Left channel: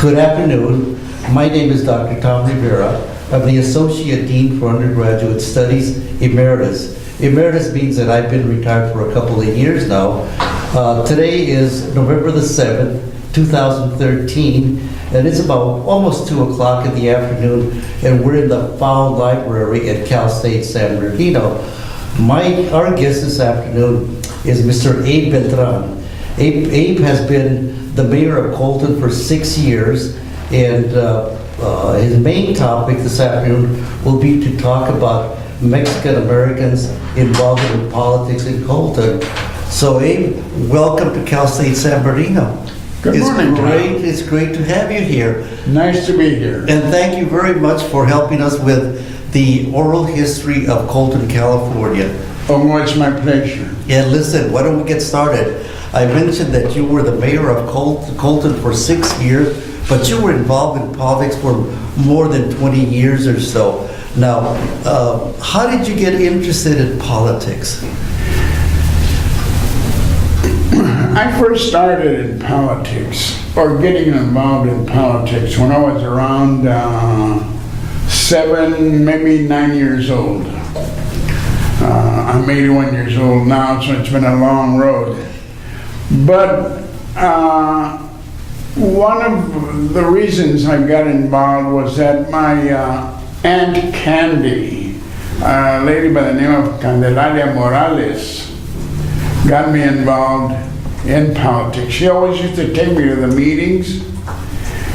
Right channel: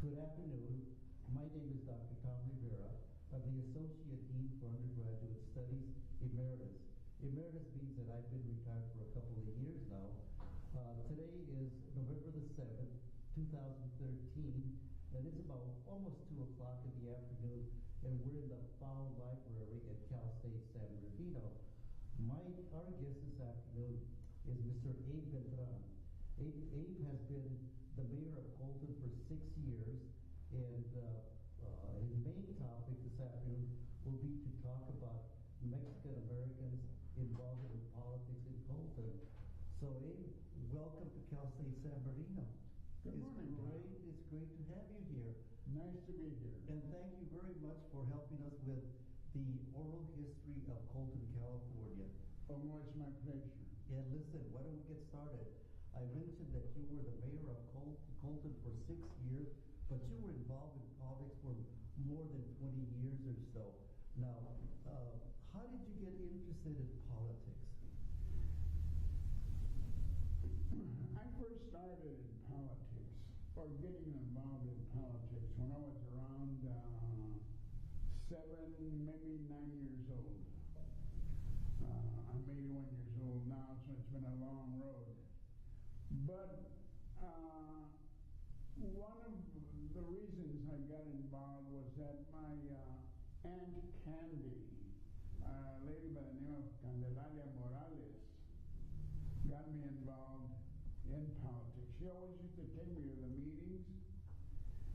Good afternoon. My name is Dr. Tom Rivera. I'm the Associate Dean for Undergraduate Studies, Emeritus. Emeritus means that I've been retired for a couple of years now. Today is November the 7th, 2013, and it's about almost 2 o'clock in the afternoon, and we're in the Fowle Library at Cal State San Bernardino. Our guest this afternoon is Mr. Abe Beltran. Abe has been the mayor of Colton for 6 years, and his main topic this afternoon will be to talk about Mexican Americans involved in politics in Colton. So Abe, welcome to Cal State San Bernardino. Good morning, Tom. It's great to have you here. Nice to be here. And thank you very much for helping us with the oral history of Colton, California. Oh, it's my pleasure. Yeah, listen, why don't we get started? I mentioned that you were the mayor of Colton for 6 years, but you were involved in politics for more than 20 years or so. Now, how did you get interested in politics? I first started in politics, or getting involved in politics, when I was around 7, maybe 9 years old. I'm 81 years old now, so it's been a long road. But one of the reasons I got involved was that my Aunt Candy, a lady by the name of Candelaria Morales, got me involved in politics. She always used to take me to the meetings,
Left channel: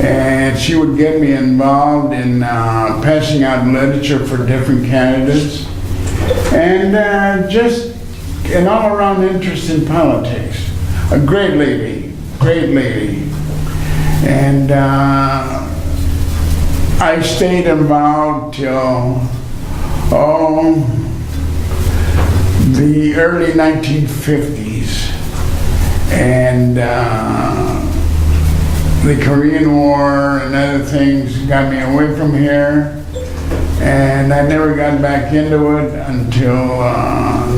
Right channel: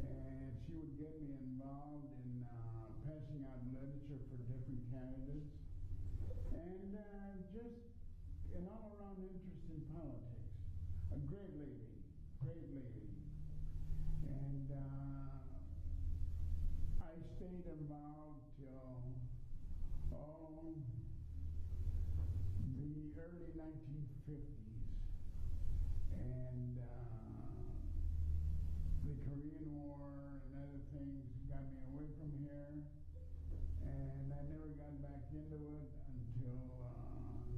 and she would get me involved in passing out literature for different candidates, and just an all-around interest in politics. A great lady, great lady. And I stayed involved till, the early 1950s. And the Korean War and other things got me away from here. And I never got back into it until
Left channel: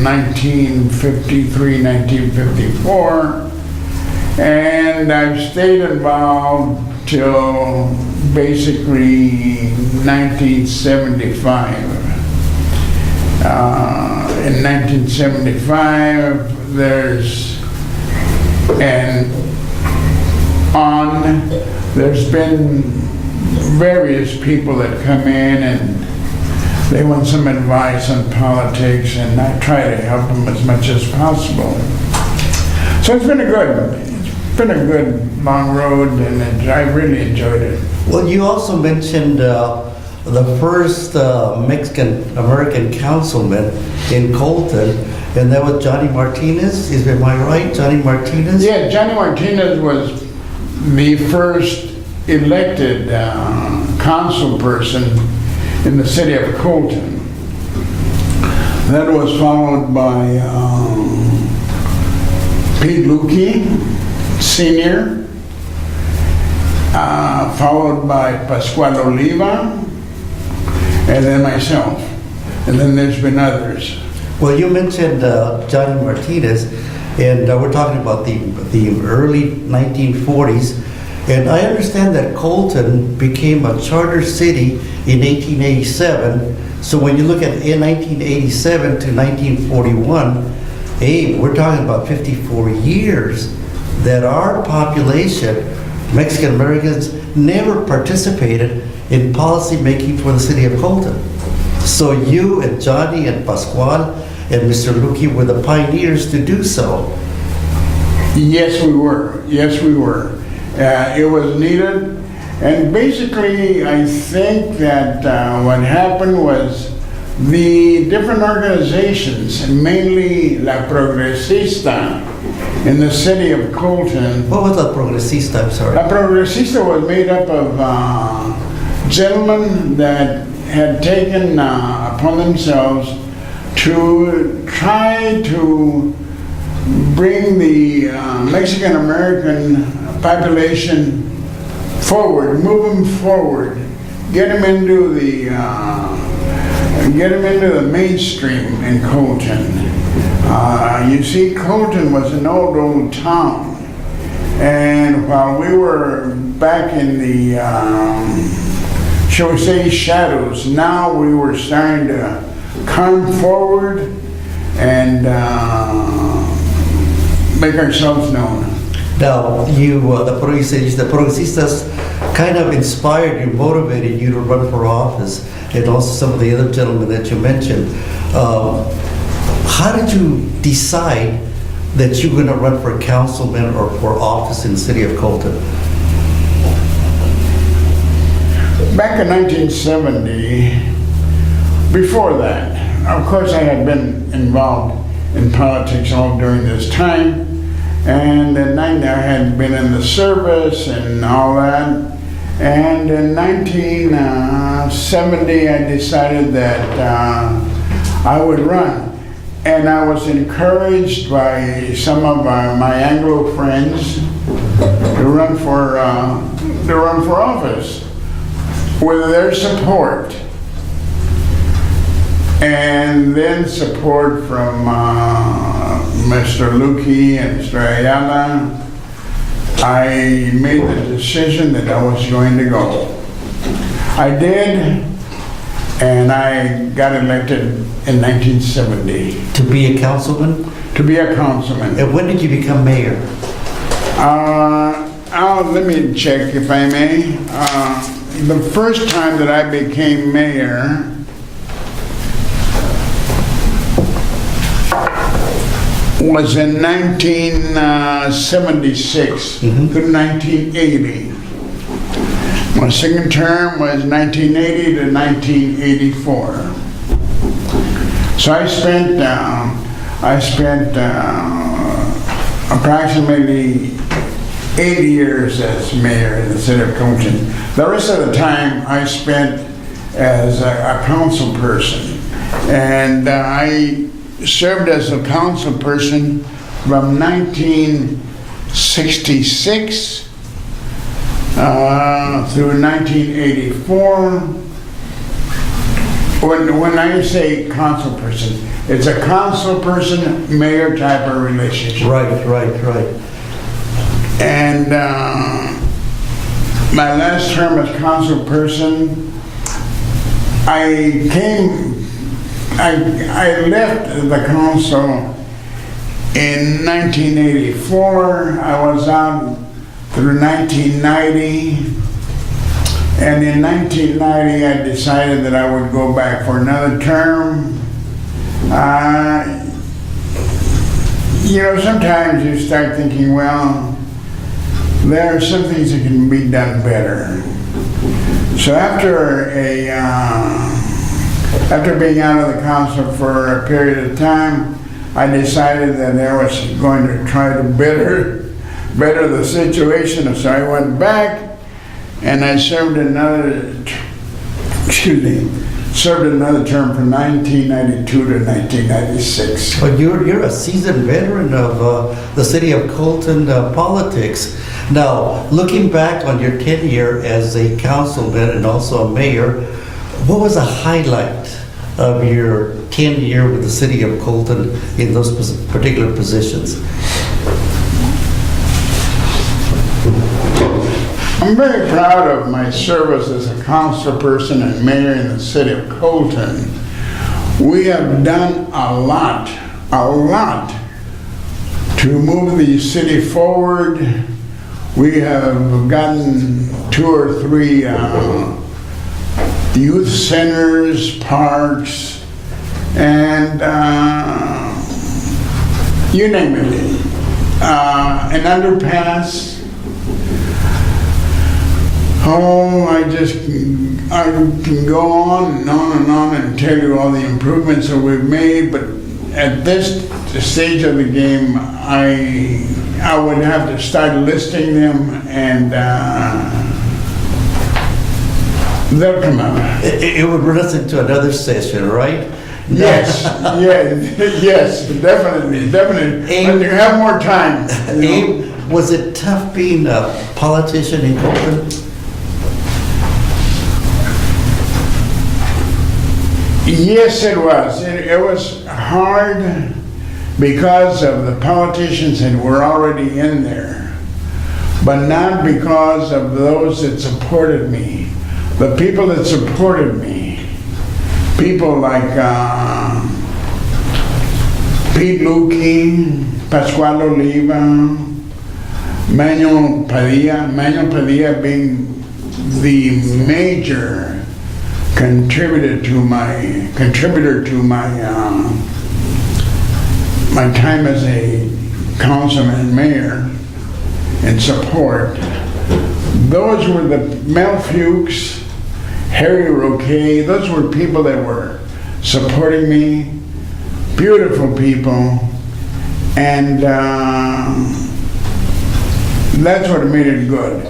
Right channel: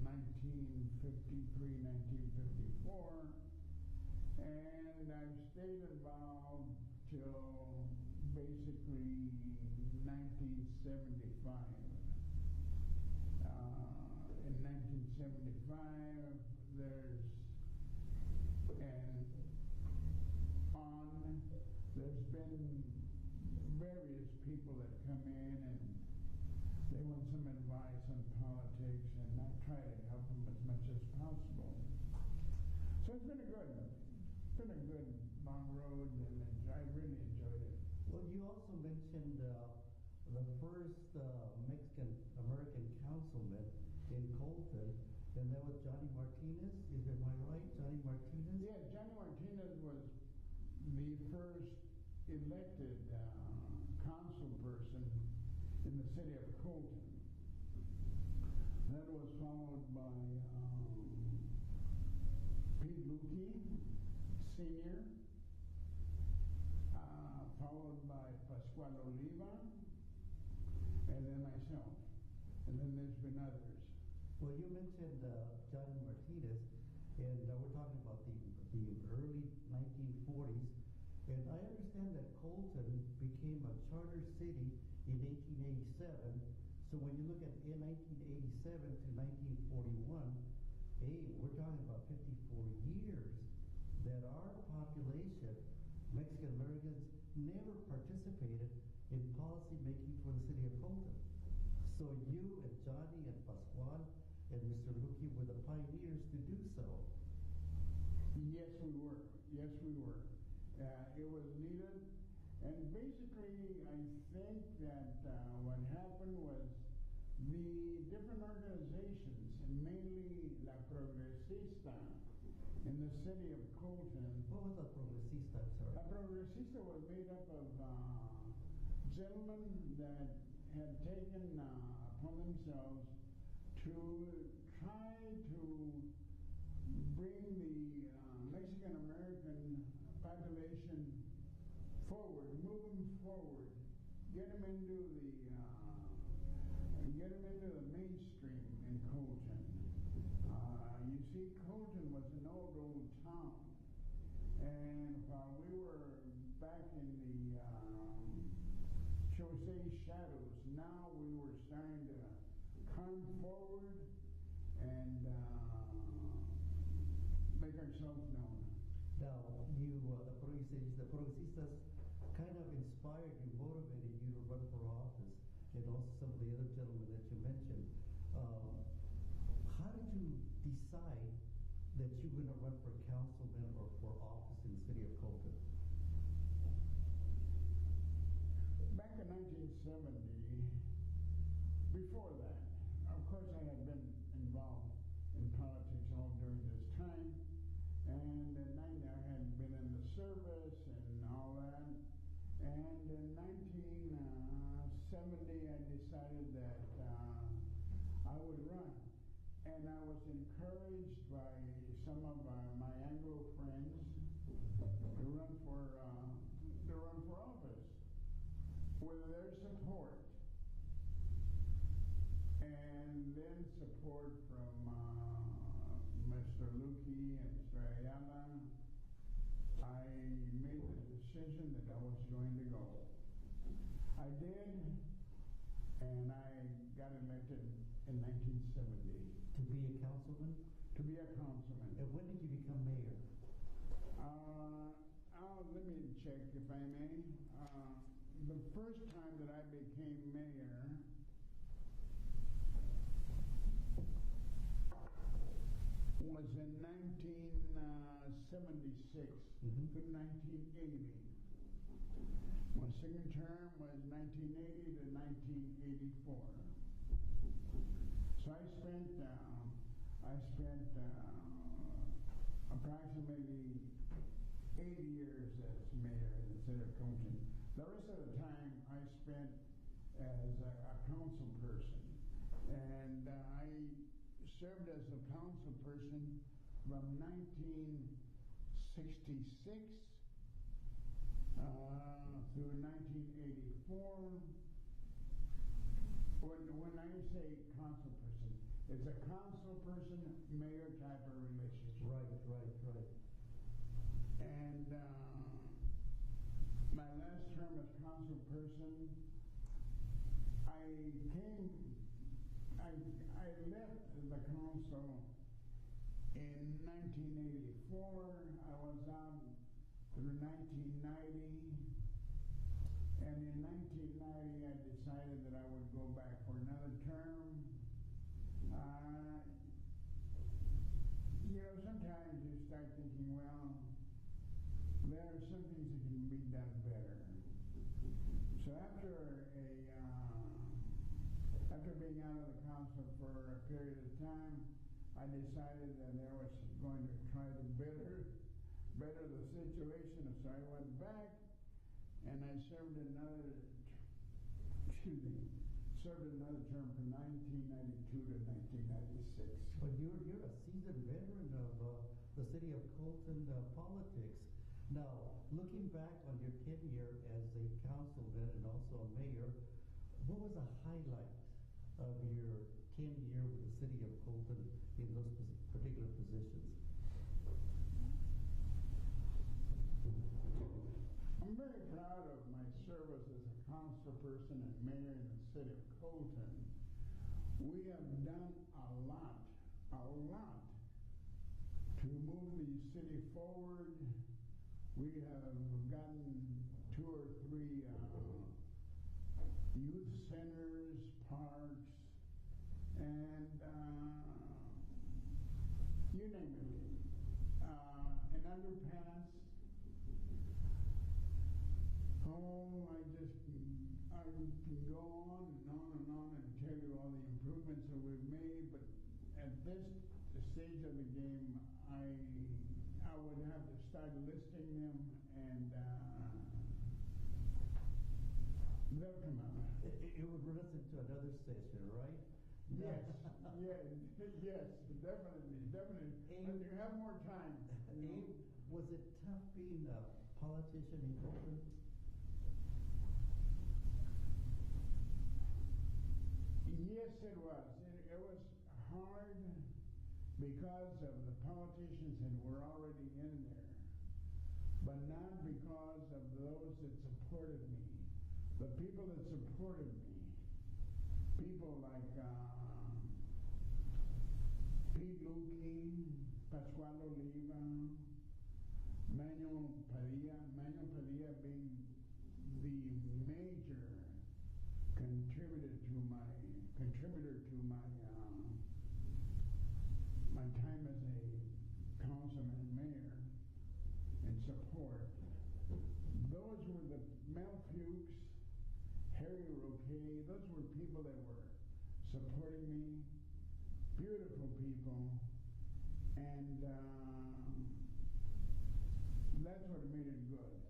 1953, 1954. And I've stayed involved till basically 1975. In 1975, there's been various people that come in and they want some advice on politics, and I try to help them as much as possible. So it's been a good long road, and I really enjoyed it. Well, you also mentioned the first Mexican-American councilman in Colton, and that was Johnny Martinez. Am I right, Johnny Martinez? Yeah, Johnny Martinez was the first elected council person in the city of Colton. That was followed by Pete Lukey, Sr., followed by Pascual Oliva, and then myself. And then there's been others. Well, you mentioned Johnny Martinez, and we're talking about the early 1940s. And I understand that Colton became a charter city in 1887. So when you look at 1987 to 1941, hey, we're talking about 54 years that our population, Mexican Americans, never participated in policy making for the city of Colton. So you and Johnny and Pascual and Mr. Luque were the pioneers to do so. Yes, we were. Yes, we were. It was needed. And basically, I think that what happened was the different organizations, mainly La Progresista in the city of Colton. What was La Progresista? I'm sorry. La Progresista was made up of gentlemen that had taken upon themselves to try to bring the Mexican American population forward, move them forward, get them into the mainstream in Colton. You see, Colton was an old town, And while we were back in the, shall we say, shadows, now we were starting to come forward and make ourselves known. Now, the Progresistas kind of inspired you, motivated you to run for office, and also some of the other gentlemen that you mentioned. How did you decide that you were going to run for councilman or for office in the city of Colton? Back in 1970, before that, of course I had been involved in politics all during this time, and in I had been in the service and all that. And in 1970, I decided that I would run. And I was encouraged by some of my Anglo friends to run for office with their support. And then support from Mr. Luque and Mr. Ayala, I made the decision that I was going to go. I did, and I got elected in 1970. To be a councilman? To be a councilman. And when did you become mayor? Let me check if I may. The first time that I became mayor was in 1976 to 1980. My second term was 1980 to 1984. So I spent approximately 8 years as mayor in the city of Colton. The rest of the time I spent as a council person, and I served as a council person from 1966 through 1984. When I say council person, it's a council person mayor type of relationship. Right. And my last term as council person, I left the council in 1984. I was out through 1990. And in 1990, I decided that I would go back for another term. Sometimes you start thinking, well, there are some things that can be done better. So after being out of the council for a period of time, I decided that I was going to try to better the situation. So I went back and I served another term from 1992 to 1996. But you're a seasoned veteran of the city of Colton politics. Now, looking back on your tenure as a councilman and also a mayor, what was a highlight of your tenure with the city of Colton in those particular positions? I'm very proud of my service as a council person and mayor in the city of Colton. We have done a lot to move the city forward. We have gotten 2 or 3 youth centers, parks, and you name it. An underpass. Oh, I can go on and on and on and tell you all the improvements that we've made, but at this stage of the game, I would have to start listing them, and they'll come out. It would run us into another session, right? Yes, definitely. When you have more time. Abe, was it tough being a politician in Colton? Yes, it was. It was hard because of the politicians that were already in there. but not because of those that supported me. The people that supported me, people like Pete Lukey, Pascual Oliva, Manuel Padilla being the major contributor to my my time as a councilman and mayor in support. Those were the Mel Fuchs, Harry Roque, those were people that were supporting me, beautiful people, and that's what made it good.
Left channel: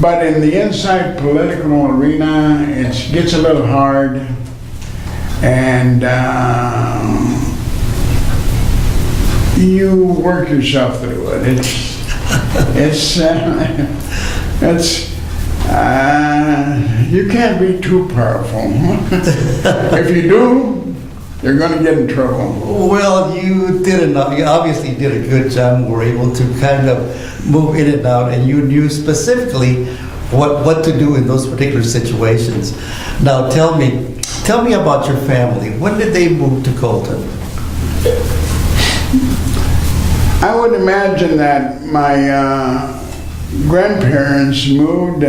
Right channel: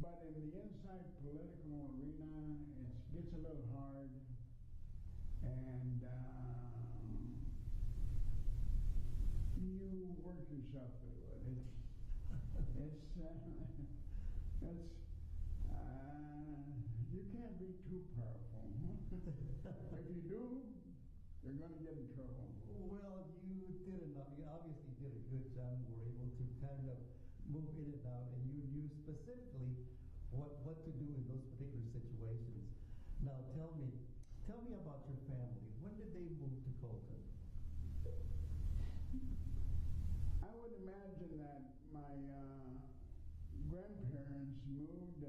But in the inside political arena, it gets a little hard, and you work yourself through it. You can't be too powerful. If you do, you're going to get in trouble. Well, you obviously did a good job. Were able to kind of move in and out, and you knew specifically what to do in those particular situations. Now, tell me about your family. When did they move to Colton? I would imagine that my grandparents moved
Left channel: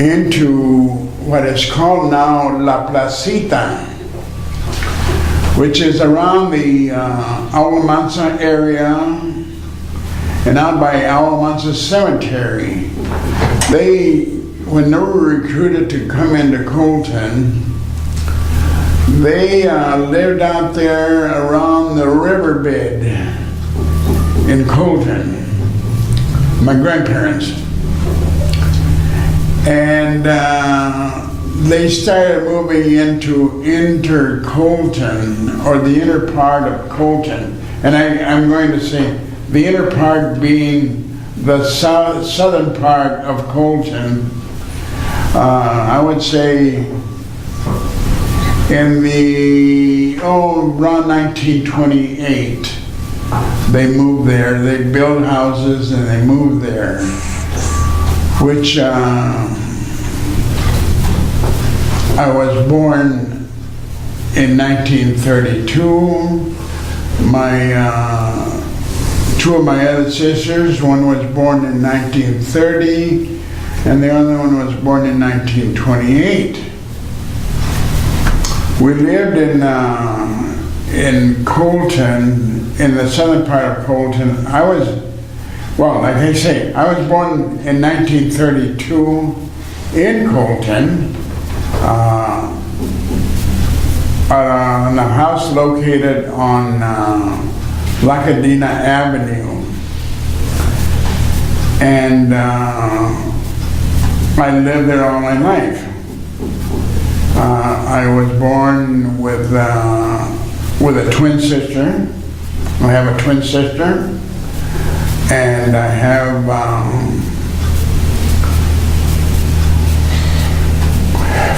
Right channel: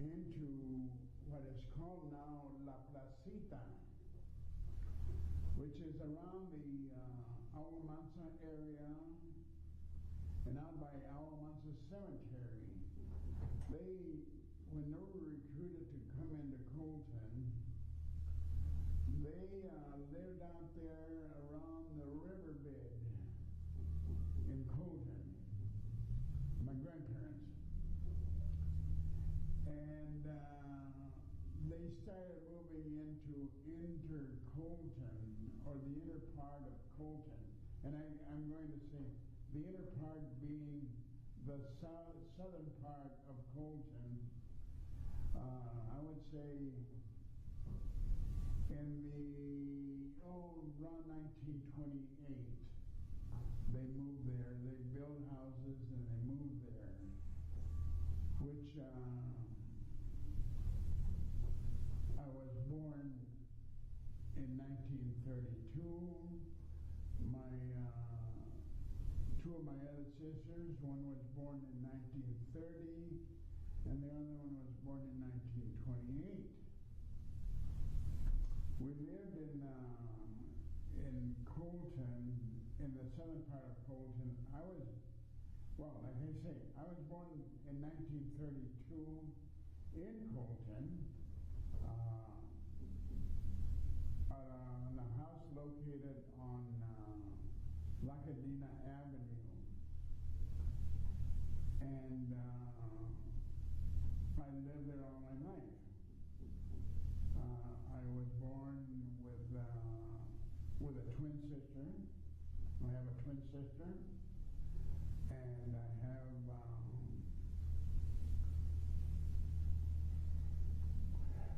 into what is called now La Placita, which is around the Alamanza area and out by Alamanza Cemetery. When they were recruited to come into Colton, they lived out there around the riverbed in Colton, my grandparents. And they started moving into Colton, or the inner part of Colton. And I'm going to say the inner part being the southern part of Colton. I would say in around 1928, they moved there. They built houses and they moved there, which I was born in 1932. Two of my other sisters, one was born in 1930, and the other one was born in 1928. We lived in Colton, in the southern part of Colton. I was born in 1932 in Colton, in a house located on La Cadena Avenue. And I lived there all my life. I was born with a twin sister. I have a twin sister, and I have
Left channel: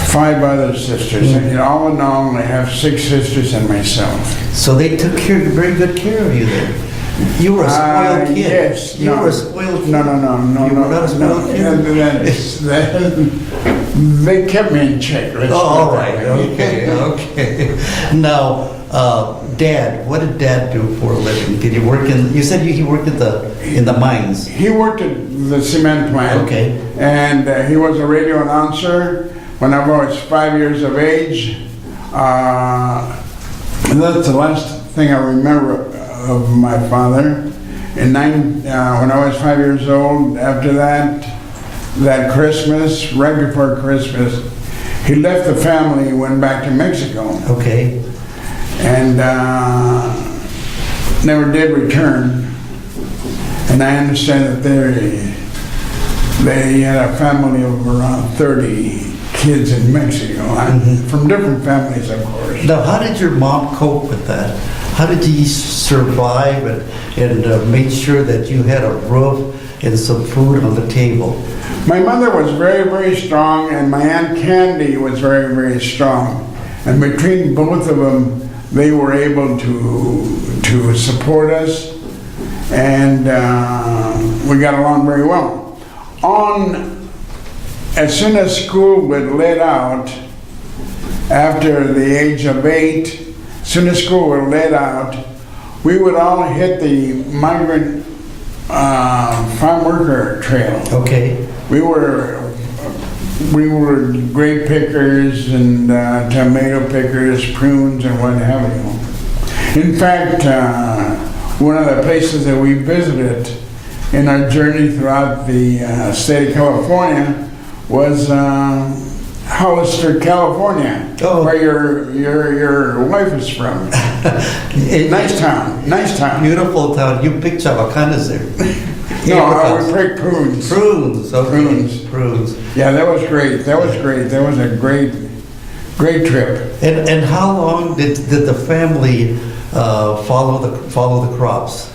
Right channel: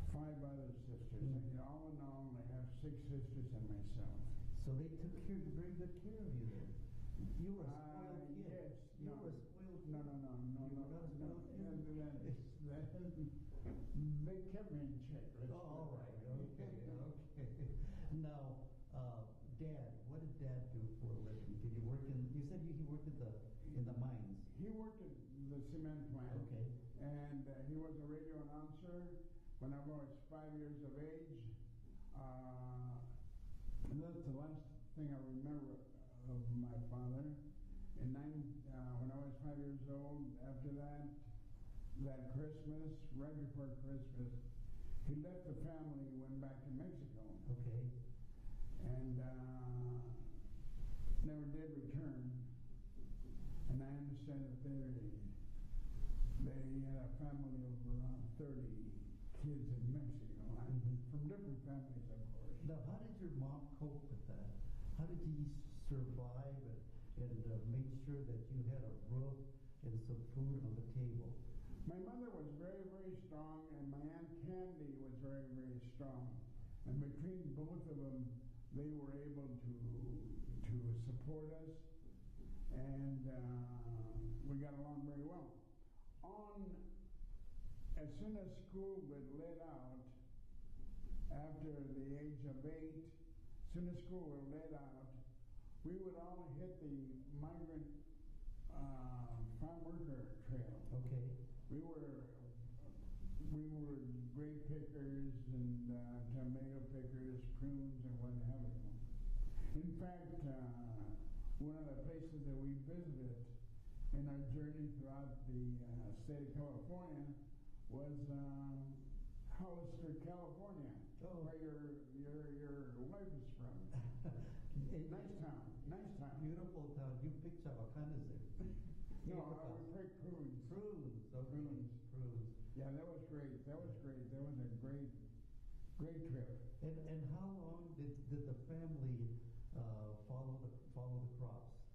5 other sisters. And all in all, I have 6 sisters and myself. So they took very good care of you then. You were a spoiled kid. Yes. You were a spoiled kid. No. You were not a spoiled kid? They kept me in check. All right. Okay. Now, Dad, what did Dad do for a living? Did he work you said he worked in the mines. He worked at the cement plant. Okay. And he was a radio announcer when I was 5 years of age. And that's the last thing I remember of my father. When I was 5 years old, after that Christmas, right before Christmas, he left the family and went back to Mexico. Okay. And never did return. And I understand that they had a family of around 30 kids in Mexico, from different families, of course. Now, how did your mom cope with that? How did you survive and make sure that you had a roof and some food on the table? My mother was very, very strong, and my Aunt Candy was very, very strong. And between both of them, they were able to support us and we got along very well. As soon as school was let out, after the age of 8, as soon as school was let out, we would all hit the migrant farm worker trail. Okay. We were grape pickers and tomato pickers, prunes and what have you. In fact, one of the places that we visited in our journey throughout the state of California was Hollister, California, where your wife is from. Nice town. Beautiful town. You picked Chavacanas there. No, we picked prunes. Prunes. Okay. Prunes. Yeah, that was great. That was a great trip. And how long did the family follow the crops?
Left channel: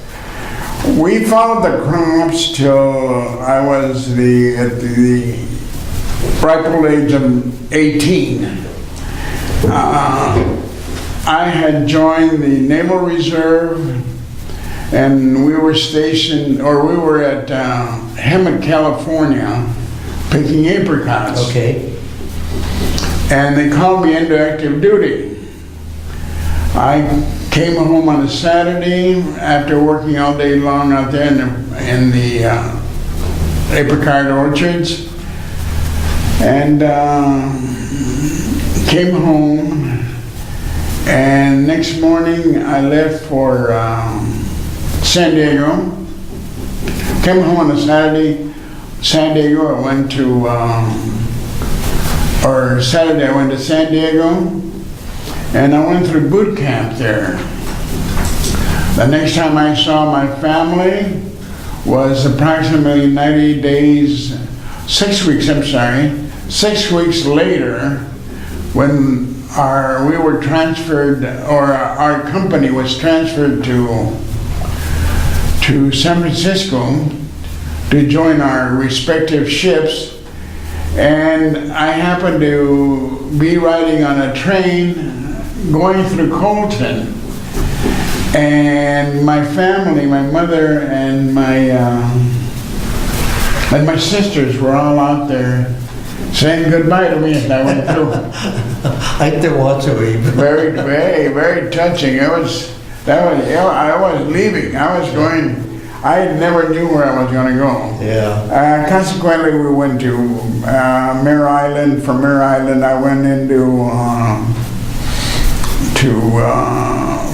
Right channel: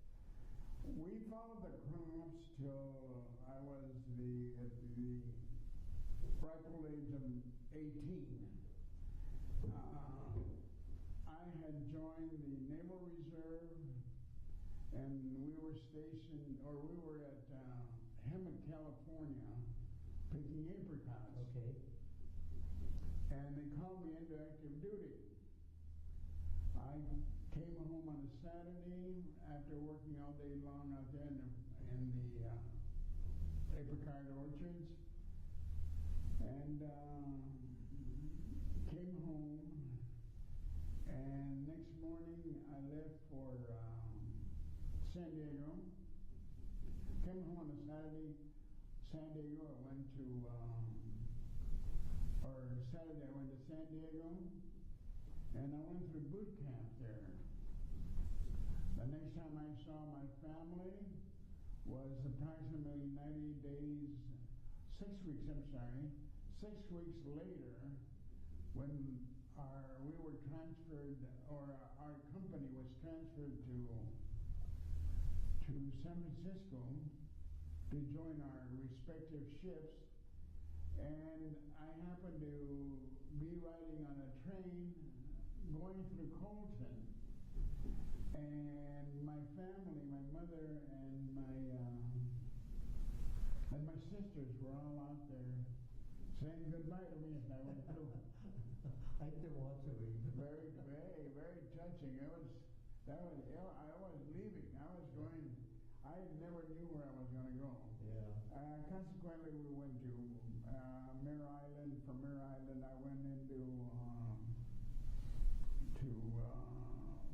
We followed the crops till I was at the ripe old age of 18. I had joined the Naval Reserve, and we were at Hemet, California, picking apricots. Okay. And they called me into active duty. I came home on a Saturday after working all day long out there in the apricot orchards, and came home, and next morning I left for San Diego. Came home on a Saturday. San Diego, I went to Saturday I went to San Diego, and I went through boot camp there. The next time I saw my family was approximately 90 days, 6 weeks, 6 weeks later, when we were transferred, or our company was transferred to San Francisco to join our respective ships. And I happened to be riding on a train going through Colton, and my family, my mother and my sisters were all out there saying goodbye to me as I went through. I had to watch it. Very, very, very touching. I was leaving. I was going. I never knew where I was going to go. Yeah. Consequently, we went to Mare Island. From Mare Island, I went into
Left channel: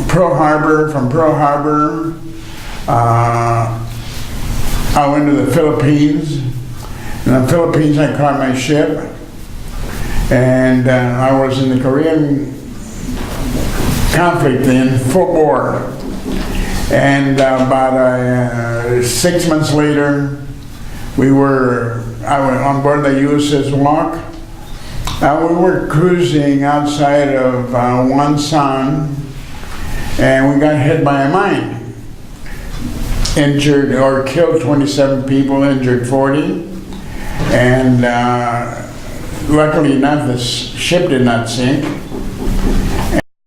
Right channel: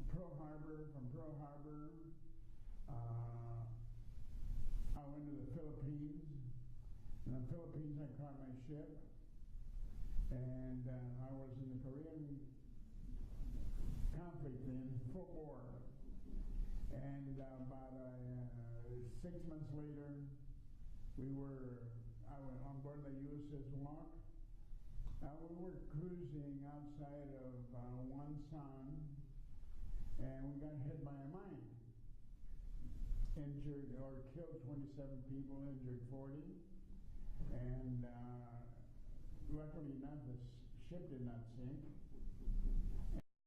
Pearl Harbor. From Pearl Harbor, I went to the Philippines. In the Philippines, I caught my ship, and I was in the Korean conflict in full bore. And about 6 months later, I went on board the USS Walk. We were cruising outside of Wonsan, and we got hit by a mine. Injured or killed 27 people, injured 40. And luckily enough, the ship did not sink.